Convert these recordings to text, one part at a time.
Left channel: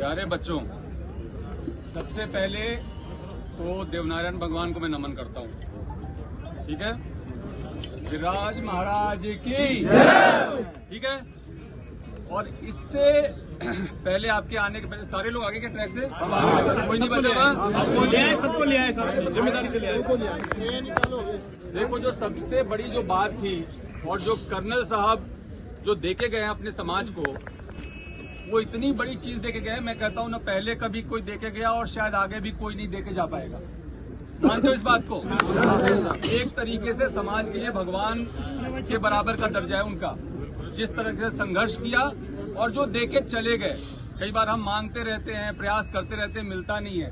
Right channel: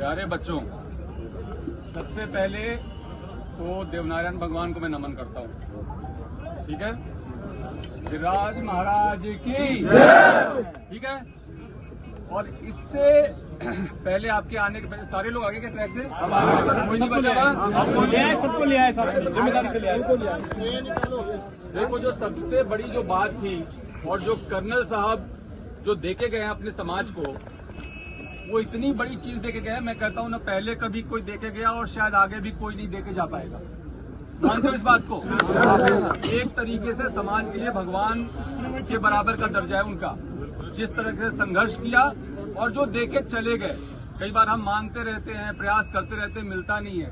प्यारे बच्चों, सबसे पहले तो देवनारायण भगवान को मैं नमन करता हूँ। ठीक है, गिरिराज महाराज की, ठीक है। और इससे पहले आपके आने के पहले सारे लोग आगे के ट्रैक से कोई नहीं बचा, सबको ले आए साहब, जिम्मेदारी से ले आए। देखो, जो सबसे बड़ी जो बात थी और जो कर्नल साहब जो देके गए हैं अपने समाज को, वो इतनी बड़ी चीज देके गए, मैं कहता हूँ ना पहले कभी कोई देके गया और शायद आगे भी कोई नहीं देके जा पाएगा। मानते हो इस बात को? एक तरीके से समाज के लिए भगवान के बराबर का दर्जा है उनका, जिस तरह से संघर्ष किया और जो देके चले गए। कई बार हम मांगते रहते हैं, प्रयास करते रहते हैं, मिलता नहीं है,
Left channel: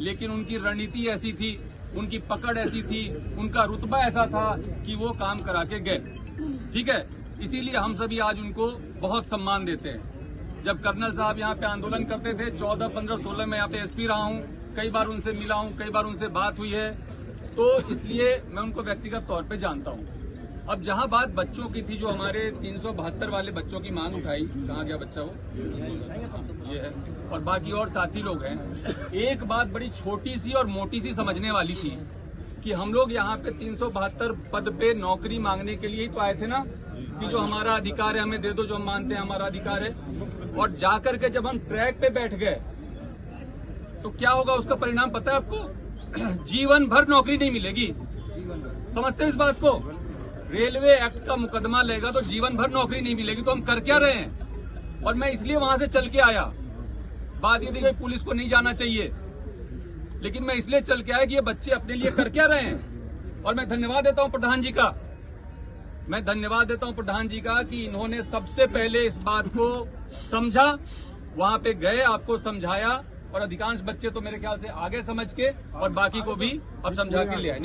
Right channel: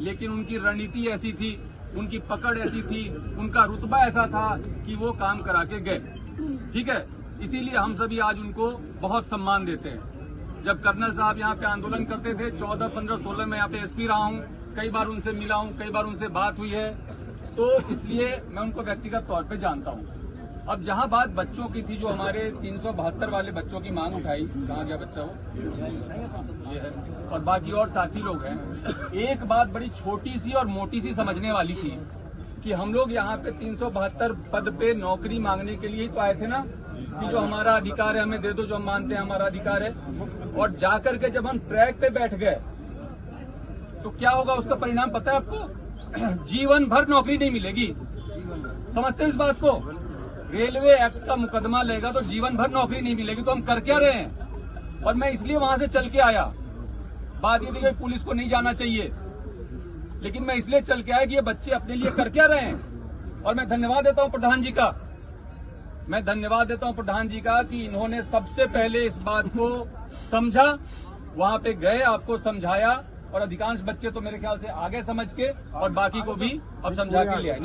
लेकिन उनकी रणनीति ऐसी थी, उनकी पकड़ ऐसी थी, उनका रुतबा ऐसा था कि वो काम करा के गए। ठीक है, इसीलिए हम सभी आज उनको बहुत सम्मान देते हैं। जब कर्नल साहब यहाँ पे आंदोलन करते थे 14, 15, 16 में यहाँ पे एसपी रहा हूँ, कई बार उनसे मिला हूँ, कई बार उनसे बात हुई है, तो इसलिए मैं उनको व्यक्तिगत तौर पे जानता हूँ। अब जहाँ बात बच्चों की थी, जो हमारे 372 वाले बच्चों की मांग उठाई, कहाँ गया बच्चा वो, ये है, और बाकी और साथी लोग हैं। एक बात बड़ी छोटी सी और मोटी सी समझने वाली थी कि हम लोग यहाँ पे 372 पद पे नौकरी मांगने के लिए ही तो आए थे ना, कि जो हमारा अधिकार है हमें दे दो, जो हम मानते हैं हमारा अधिकार है। और जाकर के जब हम ट्रैक पे बैठ गए तो क्या होगा, उसका परिणाम पता है आपको? जीवन भर नौकरी नहीं मिलेगी। समझते हो इस बात को? रेलवे एक्ट का मुकदमा लेगा तो जीवन भर नौकरी नहीं मिलेगी, तो हम कर क्या रहे हैं? और मैं इसलिए वहां से चल के आया। बात ये थी कि पुलिस को नहीं जाना चाहिए, लेकिन मैं इसलिए चल के आया कि ये बच्चे अपने लिए कर क्या रहे हैं। और मैं धन्यवाद देता हूं प्रधान जी का, मैं धन्यवाद देता हूं प्रधान जी का कि इन्होंने सबसे पहले इस बात को समझा, वहां पे गए, आपको समझाया, और अधिकांश बच्चे तो मेरे ख्याल से आगे समझ के और बाकी को भी अब समझा के ले आए।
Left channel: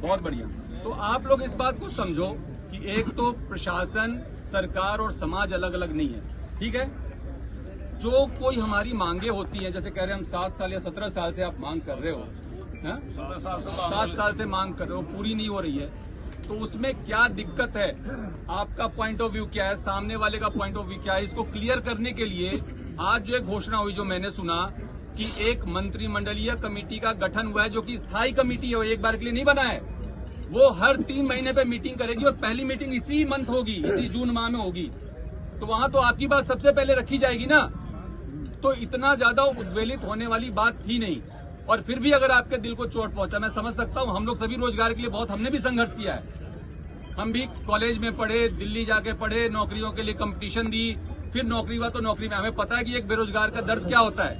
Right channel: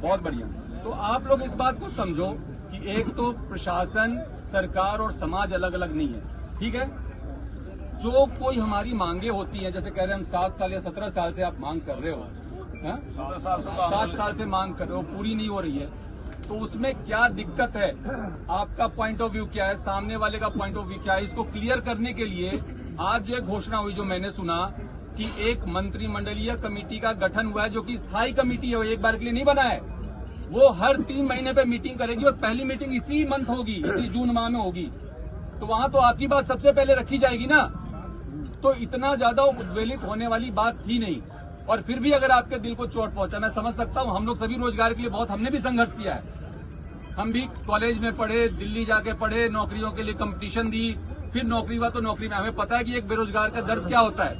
बहुत बढ़िया। तो आप लोग इस बात को समझो कि एक तो प्रशासन, सरकार और समाज अलग अलग नहीं है। ठीक है, जो कोई हमारी मांगे होती हैं, जैसे कह रहे हैं हम 7 साल या 17 साल से आप मांग कर रहे हो, 7 साल से मांग कर रहे हो, पूरी नहीं हो रही है, तो उसमें क्या दिक्कत है? आपका पॉइंट ऑफ व्यू क्या है, सामने वाले का पॉइंट ऑफ व्यू क्या है? इसको क्लियर करने के लिए आज जो एक घोषणा हुई, जो मैंने सुना कि एक मंत्रिमंडलीय कमेटी का गठन हुआ है, जो कि स्थायी कमेटी है, वो एक बार के लिए नहीं बना है। वो हर 3 महीने पे मीटिंग करेगी और पहली मीटिंग इसी मंथ होगी, इसी जून माह में होगी। तो वहां तो आपकी बात सबसे पहले रखी जाएगी ना। तो इतना ज्यादा उद्वेलित होने वाली बात थी नहीं। और फिर भी अगर आपके दिल को चोट पहुंचा, मैं समझ सकता हूं। हम लोग सभी रोजगार के लिए बहुत, हमने भी संघर्ष किया है। हम भी कॉलेज में पढ़े, दिल्ली जाके पढ़े, नौकरियों के लिए कंपटीशन दी, फिर नौकरी हुआ तो नौकरी में हमें पता है कि एक बेरोजगार का दर्द क्या होता है।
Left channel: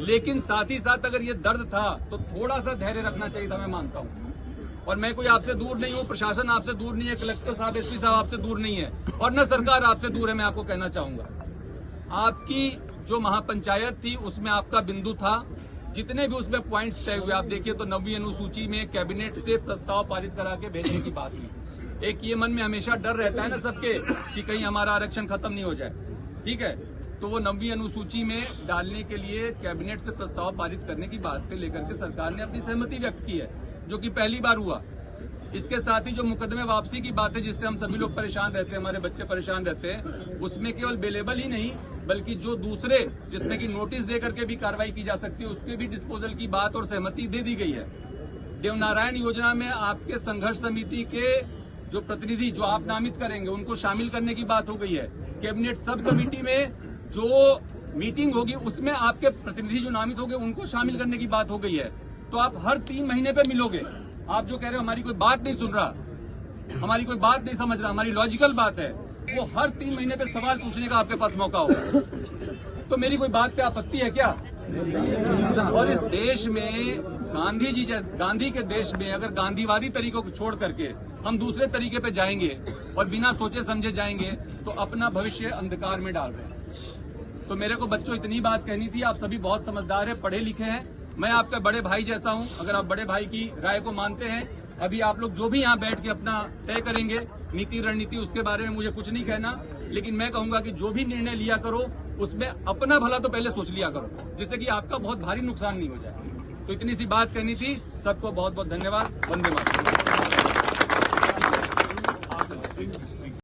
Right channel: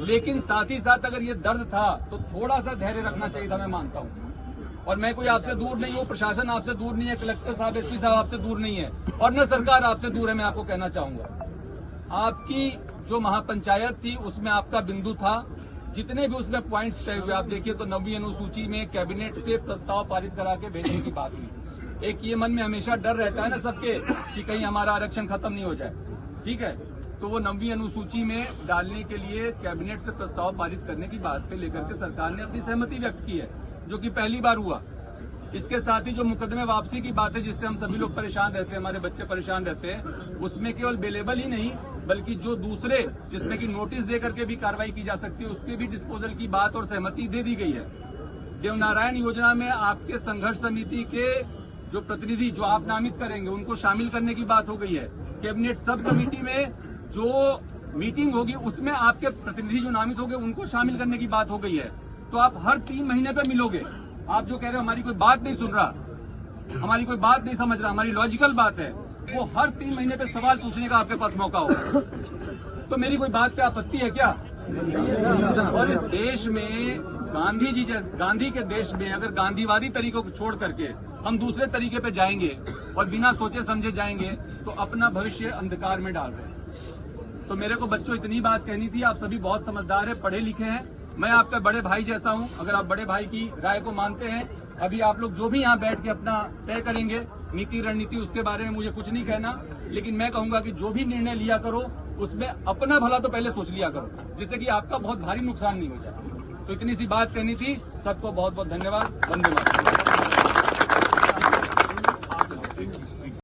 लेकिन साथ ही साथ अगर ये दर्द था तो थोड़ा सा धैर्य रखना चाहिए था, मैं मानता हूँ। और मैं कोई आपसे दूर नहीं हूँ, प्रशासन आपसे दूर नहीं है, कलेक्टर साहब, एसपी साहब आपसे दूर नहीं है, और न सरकार आपसे दूर है। मैं आपको कहना चाहूंगा, आपकी जो महापंचायत थी उसमें आपका बिंदु था, जितने भी उसमें पॉइंट्स तय हुए, आप देखिए तो 9वीं अनुसूची में कैबिनेट से प्रस्ताव पारित करा के भेजने की बात हुई। एक ये मन में हमेशा डर रहता है ना सबके कि कहीं हमारा आरक्षण खत्म नहीं हो जाए। ठीक है, तो वो 9वीं अनुसूची में डालने के लिए कैबिनेट से प्रस्ताव पारित करने की बात पे लेकर के सरकार ने अपनी सहमति व्यक्त की है, जो कि पहली बार हुआ। इसके साथ ही जो मुकदमे वापसी की बात है, जिससे हम सभी लोग परेशान रहते हैं, हमारे बच्चे परेशान रहते हैं, उसमें केवल बेलेबल ही नहीं बल्कि जो दूसरे जिसमें कि नोटिस दे करके भी कार्रवाई की जा सकती है, उसके भी डिस्पोजल की बात और सहमति दे दी गई है। देवनारायण योजना में आपके संघर्ष समिति के जो प्रतिनिधि जो आप नामित करेंगे, उनको शामिल करने की बात हो गई है। कैबिनेट सब कमेटी में जो मीटिंग होगी उसमें आपके प्रतिनिधि जो नामित होंगे उनको शामिल करने की बात हो गई है। तो आप हर 3 महीने पे मिलोगे। आप जो कह रहे हो हमारी कोई बात नहीं सुन रहा, हमारी कोई बात नहीं समझ रहा, हमारी लॉजिकल बात है, वो हर 3 महीने पे सवाल पूछने का आपके पास मौका होगा। तो मेरी कोई बात पे आपत्ति है क्या? और इस देश में गांधी के देश में अगर गांधीवादी तरीकों को छोड़ करके हम दूसरे तरीके पे जाएंगे और बिना सोचे समझे जाएंगे तो अपना भविष्य अंधकार में डाल रहे हैं। तो मेरे को बच्चों इतनी बात कहनी थी। आप सभी बहुत समझदार हैं, पढ़े लिखे हैं, मैं आपका बड़े भाई जैसा हूं। अगर आप बड़े भाई की राय को मानते हैं, अभी आप लोग जो भी यहाँ बैठ के अपना तय करेंगे नीति रणनीति, उसके बारे में मुझे कुछ नहीं कहना, लेकिन मैं कहूंगा कि जो भी निर्णय लिया करो उसमें अपना भला तो पहले सोच लिया करो, जिससे कि आपका बहुत भारी नुकसान नहीं हो जाए। तो इतनी सी बात करनी थी। सबको बहुत बहुत धन्यवाद। वंदे मातरम।